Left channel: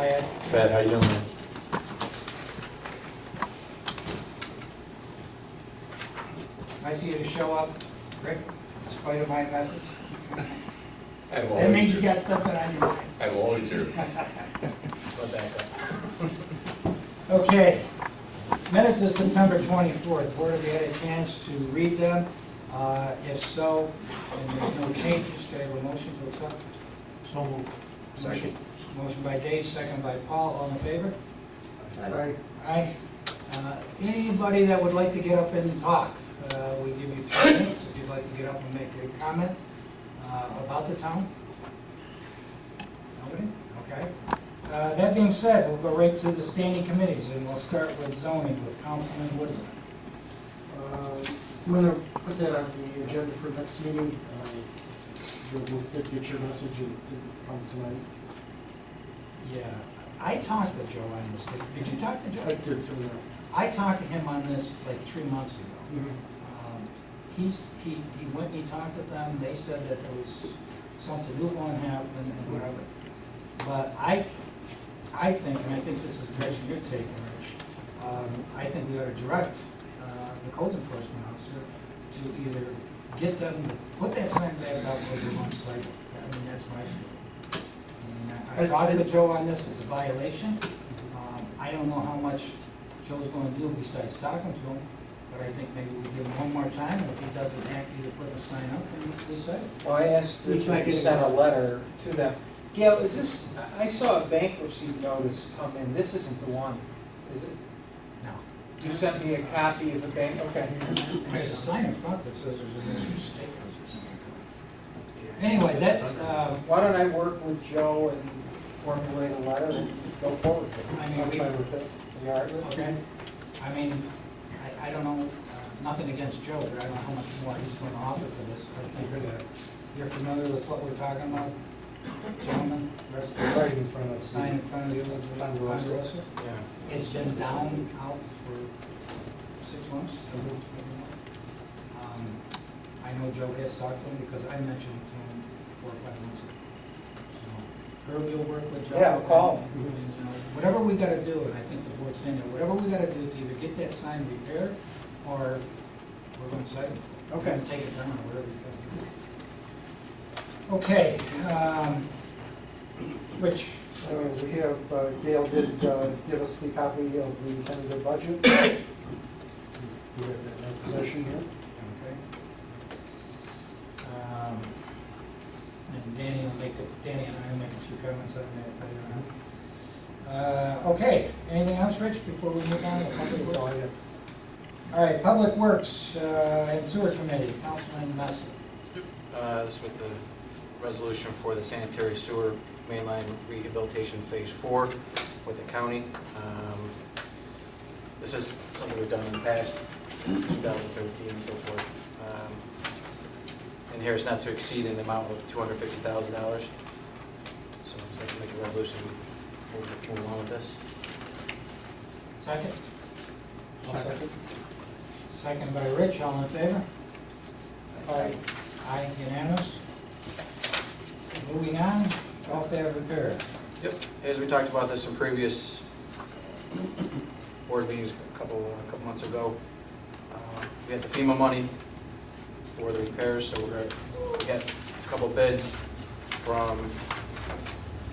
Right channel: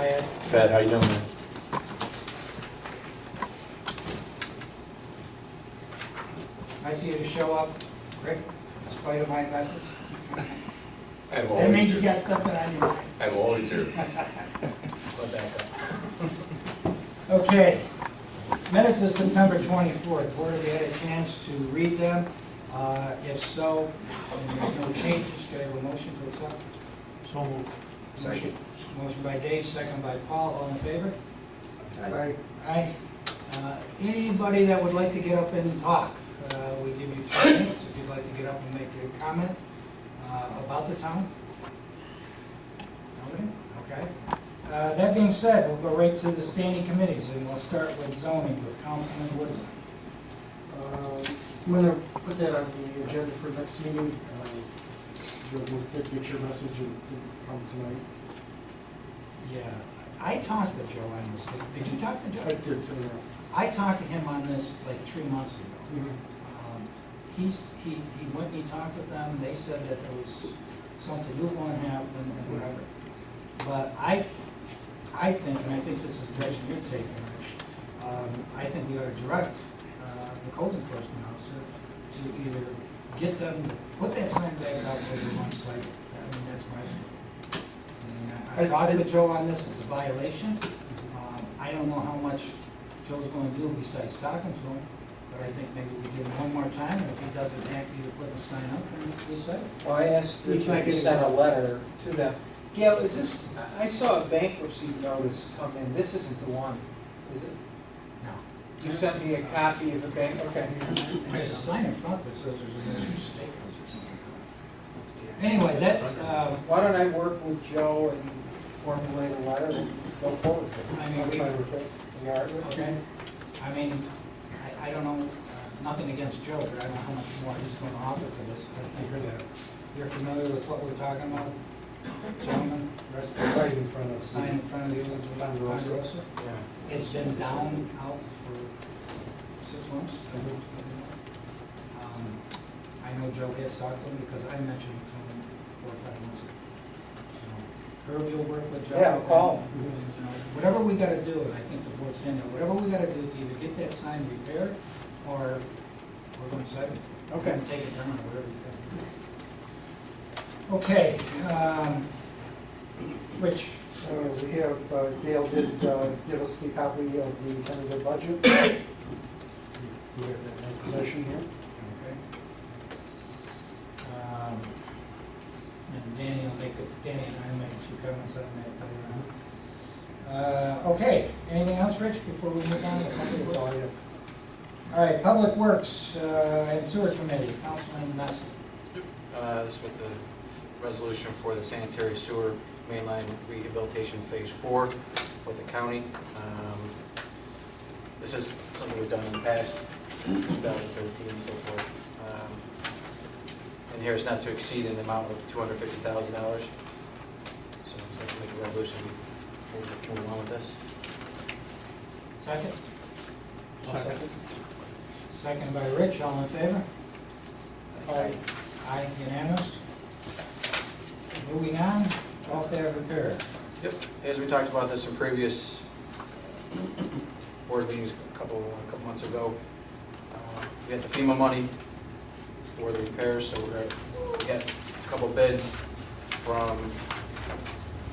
Hi, Ed. Pat, how you doing, man? Nice of you to show up, Rick, in spite of my message. I'm That always means you here. got something on your mind. I'm always here. Okay, minutes of September 24th. Board, have you had a chance to read them? If so, and there's no changes, can I have a motion to accept? So moved. Second. Motion by Dave, second by Paul, all in favor? Aye. Aye. Anybody that would like to get up and talk, we give you 3 minutes if you'd like to get up and make a comment about the town. Nobody? Okay. That being said, we'll go right to the standing committees, and we'll start with zoning with Councilman Woodland. I'm gonna put that on the agenda for next meeting. Joe, we'll get your message and come tonight. Yeah, I talked to Joe on this. Did you talk to Joe? I did too, I talked to him on this like 3 months ago. yeah. He went and he talked with them, they said that there was something new going to happen and whatever. But I think, and I think this is the direction you're taking, Rich, I think we ought to direct the codes enforcement officer to either get them to put that sign back up every one cycle. I mean, that's my feeling. I talked with Joe on this, it's a violation. I don't know how much Joe's going to do besides talking to him, but I think maybe we give him one more time, and if he doesn't act, either put the sign up, then we say it. Well, I asked He's if not I could getting send a it. letter to them. Gail, is this, I saw a bankruptcy notice come in, this isn't the one, is it? No. You sent me a copy of the bank, okay. There's a sign in front that says there's a new steakhouse or something. Anyway, that, Why don't I work with Joe and formulate a letter and go forward with it? I mean, I'm fine with it. You all right with it? okay, I mean, I don't know, nothing against Joe, but I don't know how much more he's going to offer to this. I think you're familiar with what we're talking about, gentlemen? Rest of the Sign in front of The sign in front of the old Ponderosa. Ponderosa? Yeah. It's been down out for 6 months. I know Joe has talked to him because I mentioned it to him 4 or 5 months ago. So, Herb, you'll work with Joe. Yeah, I'll call and, you know, whatever we gotta do, and I think the board's saying that, whatever we gotta do to either get that sign repaired or we're gonna cite him for it. Okay. We're gonna take it down or whatever we gotta do. Okay, Rich, We have, Gail did give us the copy of the tentative budget. We have that in our possession here. okay. And Danny and I will make a few comments on that later on. Okay, anything else, Rich, before we move on to public That's all I works? have. All right, Public Works and Sewer Committee, Councilman Messi. This is with the resolution for the sanitary sewer mainline rehabilitation phase 4 with the county. This is something we've done in the past, 2013 and so forth. And here it's not to exceed an amount of $250,000. So I'm just going to make a resolution, move along with this. Second? I'll second. Second by Rich, all in favor? Aye. Aye, unanimous. Moving on, welfare repair. Yep, as we talked about this in previous board meetings a couple months ago, we had the FEMA money for the repairs, so we're gonna get a couple bids from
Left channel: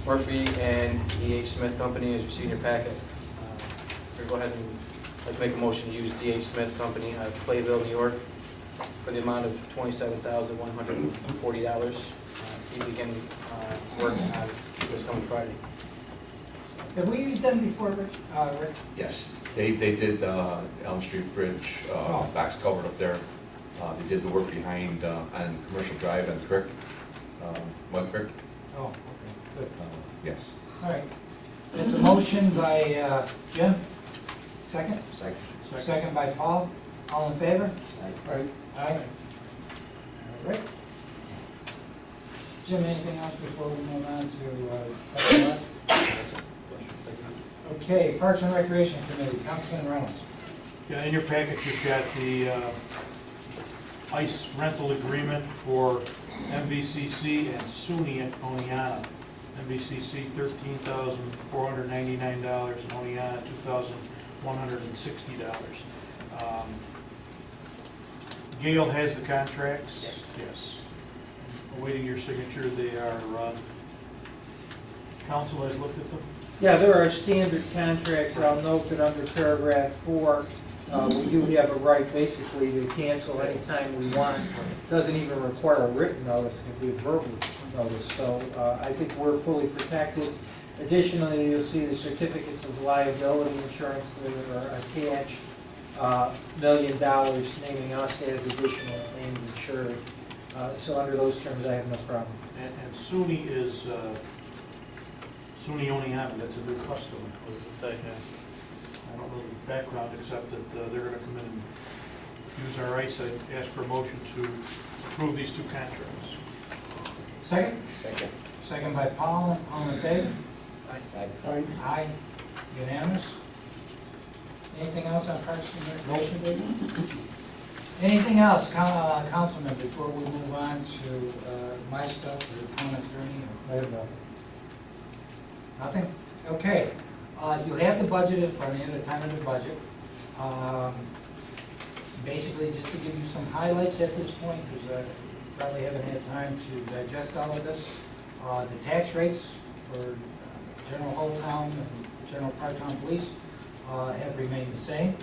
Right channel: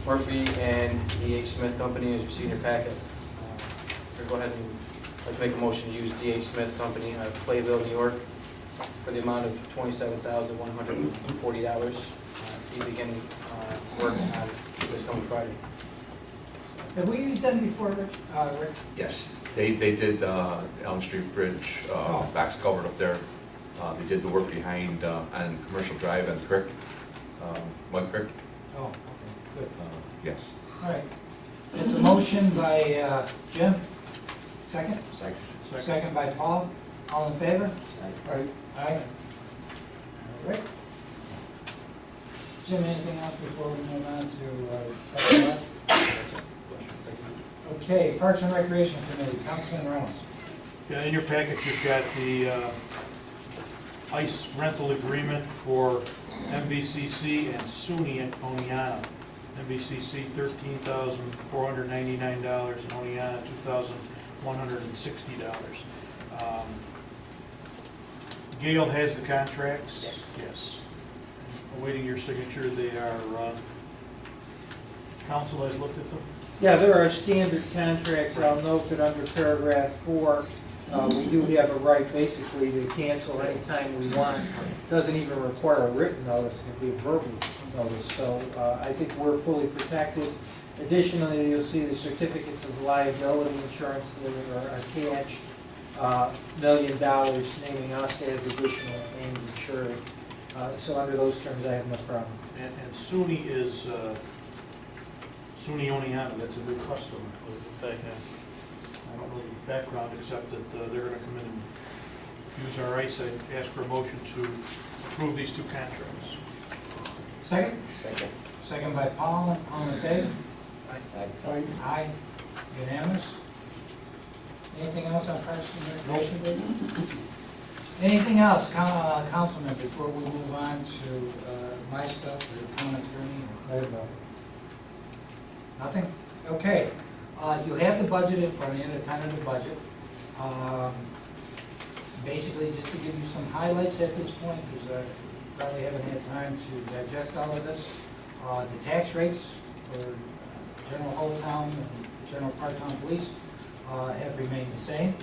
Murphy and D.H. Smith Company, as you see in your packet. We're gonna go ahead and like to make a motion to use D.H. Smith Company out of Clayville, New York, for the amount of $27,140. He began work on this coming Friday. Have we used them before, Rich? Rick? Yes, they did Elm Street Bridge, Oh. box culvert up there. They did the work behind on Commercial Drive and Creek, Mud Creek. Oh, okay, good. Yes. All right. It's a motion by Jim. Second? Second. Second by Paul. All in favor? Aye. Aye. All right. Jim, anything else before we move on to Parks and Rec? Okay, Parks and Recreation Committee, Councilman Reynolds. Yeah, in your package, you've got the ice rental agreement for MVCC and SUNY at Oneonta. NBCC $13,499, and Oneonta $2,160. Gail has the contracts? Yes. Awaiting your signature, they are, council has looked at them? Yeah, there are standard contracts. I'll note that under paragraph 4, we do have a right basically to cancel anytime we want. Doesn't even require a written notice, it can be a verbal notice. So I think we're fully protected. Additionally, you'll see the certificates of liability insurance that are attached, $1 million naming us as additional named insured. So under those terms, I have no problem. And SUNY is, SUNY Oneonta, that's a new customer. Was it say? I don't know the background, except that they're gonna come in and use our rights. I'd ask for a motion to approve these two contracts. Second? Second. Second by Paul, all in favor? Aye. Aye. Unanimous? Anything else on Parks and Recreation, David? Anything else, Councilman, before we move on to my stuff, or the town attorney? I have nothing. Nothing? Okay. You have the budget in front of you, the tentative budget. Basically, just to give you some highlights at this point, because I probably haven't had time to digest all of this. The tax rates for general whole town and general part-town police have remained the same.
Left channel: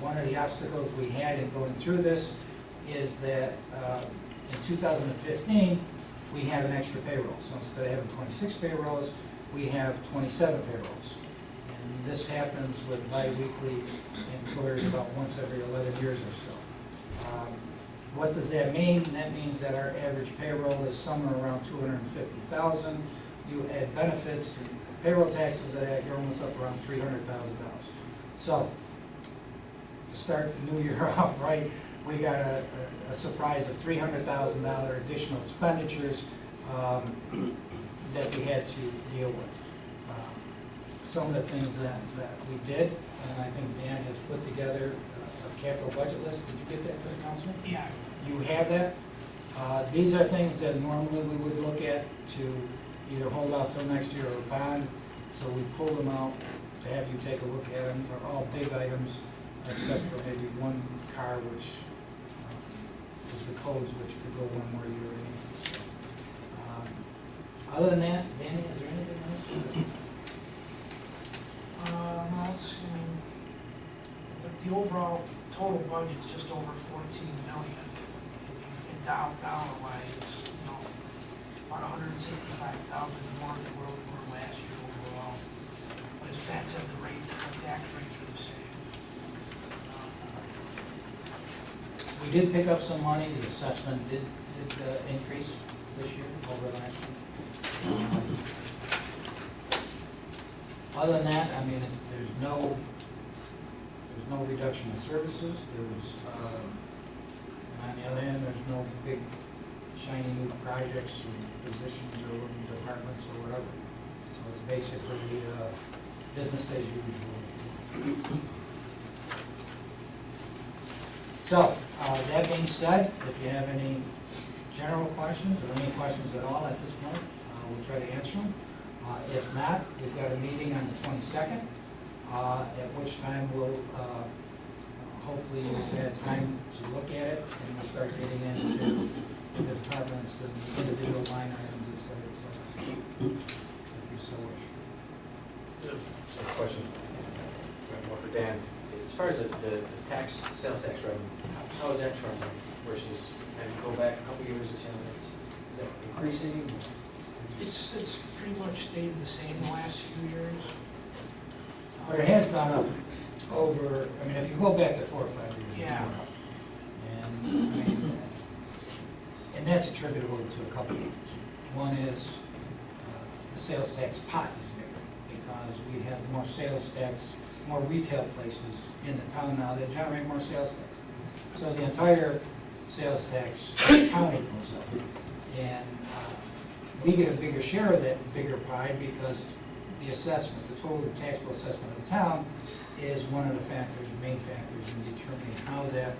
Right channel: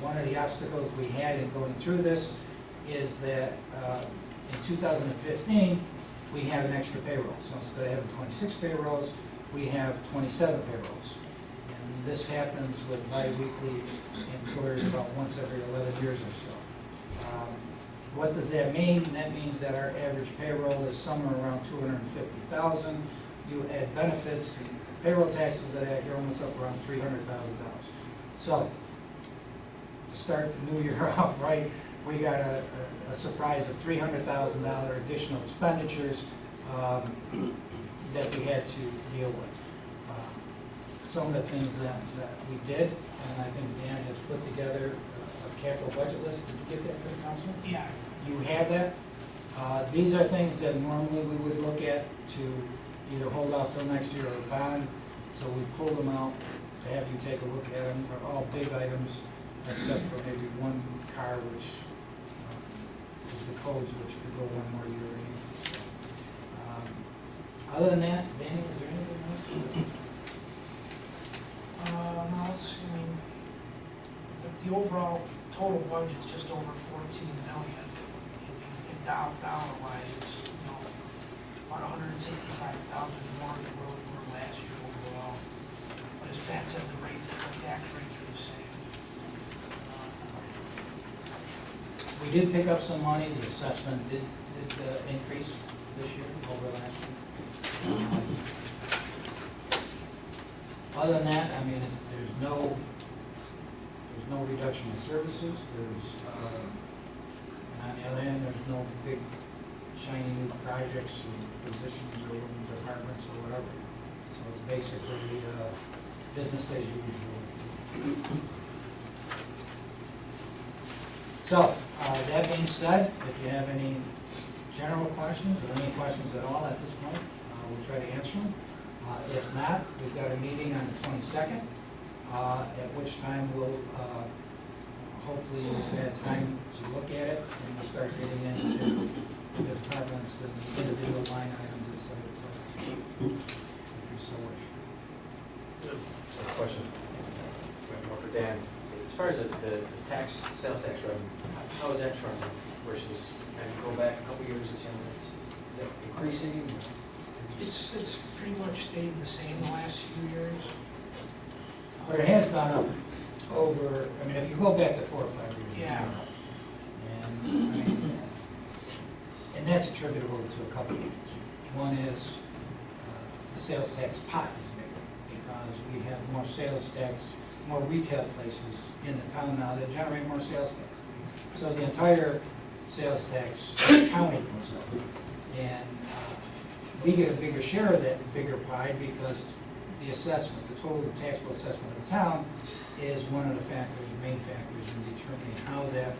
One of the obstacles we had in going through this is that in 2015, we had an extra payroll. So instead of having 26 payrolls, we have 27 payrolls. And this happens with bi-weekly employers about once every 11 years or so. What does that mean? That means that our average payroll is somewhere around 250,000. You add benefits and payroll taxes to that, you're almost up around $300,000. So, to start the new year off right, we got a surprise of $300,000 additional expenditures that we had to deal with. Some of the things that we did, and I think Dan has put together a capital budget list. Did you get that to the council? Yeah. You have that? These are things that normally we would look at to either hold off till next year or bond. So we pulled them out to have you take a look at them. They're all big items, except for maybe one car, which is the codes, which could go one more year anyway. So, other than that, Danny, is there anything else? No, it's, I mean, the overall total budget's just over 14 million. In dollar wise, it's, you know, about 165,000 more than where we were last year overall. But as Pat said, the tax rates are the same. We did pick up some money. The assessment did increase this year over last year. Other than that, I mean, there's no reduction in services. There's, and on the other hand, there's no big shiny new projects or positions or departments or whatever. So it's basically business as usual. So, that being said, if you have any general questions or any questions at all at this point, we'll try to answer them. If not, we've got a meeting on the 22nd, at which time we'll, hopefully you've had time to look at it, and we'll start getting into the departments and individual line items, et cetera, if you so wish. Question, more for Dan. As far as the sales tax revenue, how is that trending versus, and you go back a couple years, is that increasing? It's pretty much stayed the same the last few years. But it has gone up over, I mean, if you go back to 4 or 5 years. It's Yeah. gone up. And, I mean, and that's attributable to a couple of things. One is, the sales tax pot is bigger, because we have more sales tax, more retail places in the town now that generate more sales tax. So the entire sales tax county goes up. And we get a bigger share of that bigger pie because the assessment, the total taxable assessment of the town is one of the factors, main factors in determining how that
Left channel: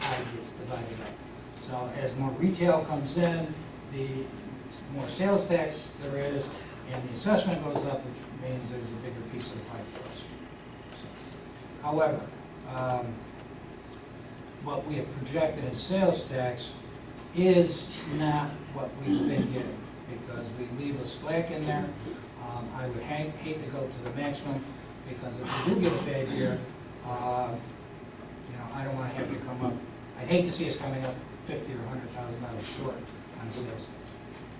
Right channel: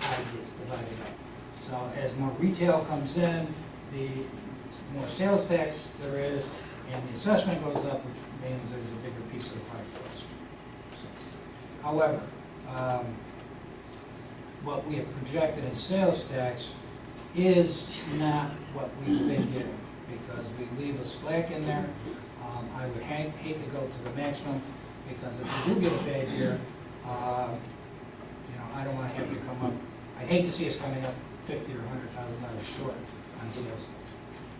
pie gets divided up. So as more retail comes in, the more sales tax there is, and the assessment goes up, which means there's a bigger piece of the pie for us. So, however, what we have projected in sales tax is not what we've been getting, because we leave a slack in there. I would hate to go to the maximum, because if we do get a bad year, I don't wanna have to come up, I'd hate to see us coming up $50,000 or $100,000 short on sales tax.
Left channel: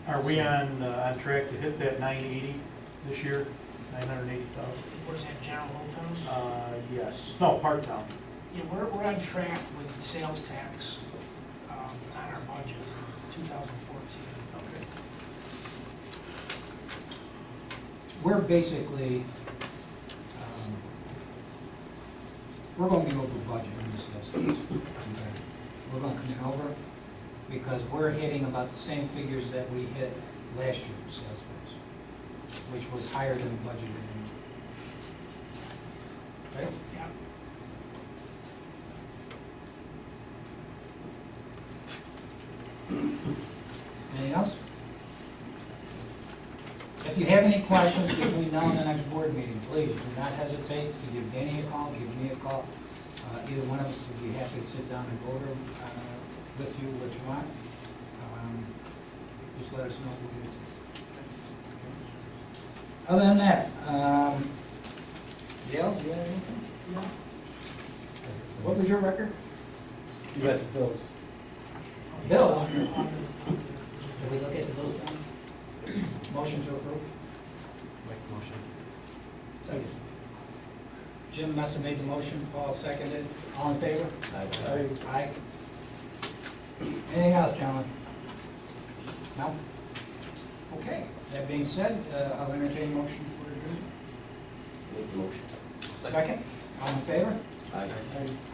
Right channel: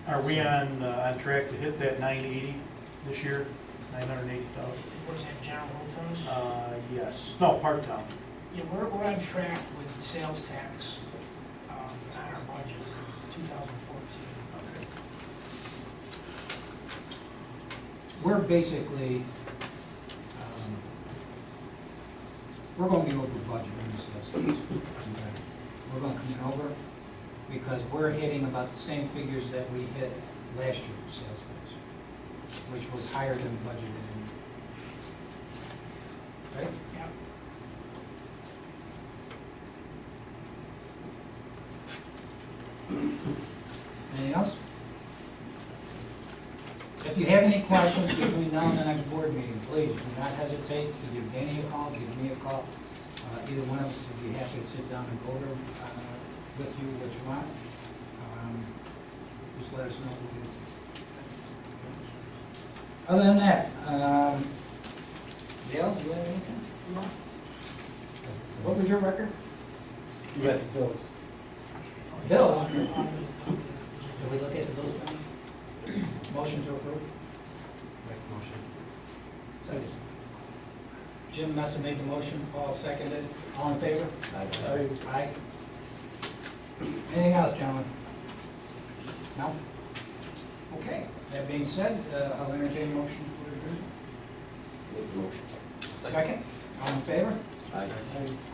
Are we on track to hit that 980 this year, 980,000? Where's that, general Hometown? Yes, no, part-town. Yeah, we're on track with the sales tax on our budget for 2014. Okay. We're basically, we're gonna be over budget on the sales tax. Okay? We're gonna come in over, because we're hitting about the same figures that we hit last year for sales tax, which was higher than budgeted in. Right? Yeah. Anything else? If you have any questions between now and the next board meeting, please do not hesitate to give Danny a call, give me a call. Either one of us would be happy to sit down and go over with you what you want. Just let us know if we get it. Okay. Other than that, Dale, do you have anything? No. What was your record? You got the bills. Bills? Did we look at the bills, John? Motion to approve? Make a motion. Second. Jim Messa made the motion, Paul seconded. All in favor? Aye. Anything else, gentlemen? No? Okay, that being said, I'll entertain a motion for adjournment. Second? All in favor? Aye.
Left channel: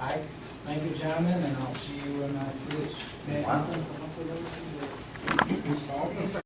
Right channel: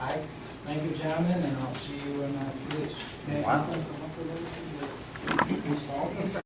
Aye. Thank you, gentlemen, and I'll see you in a few weeks.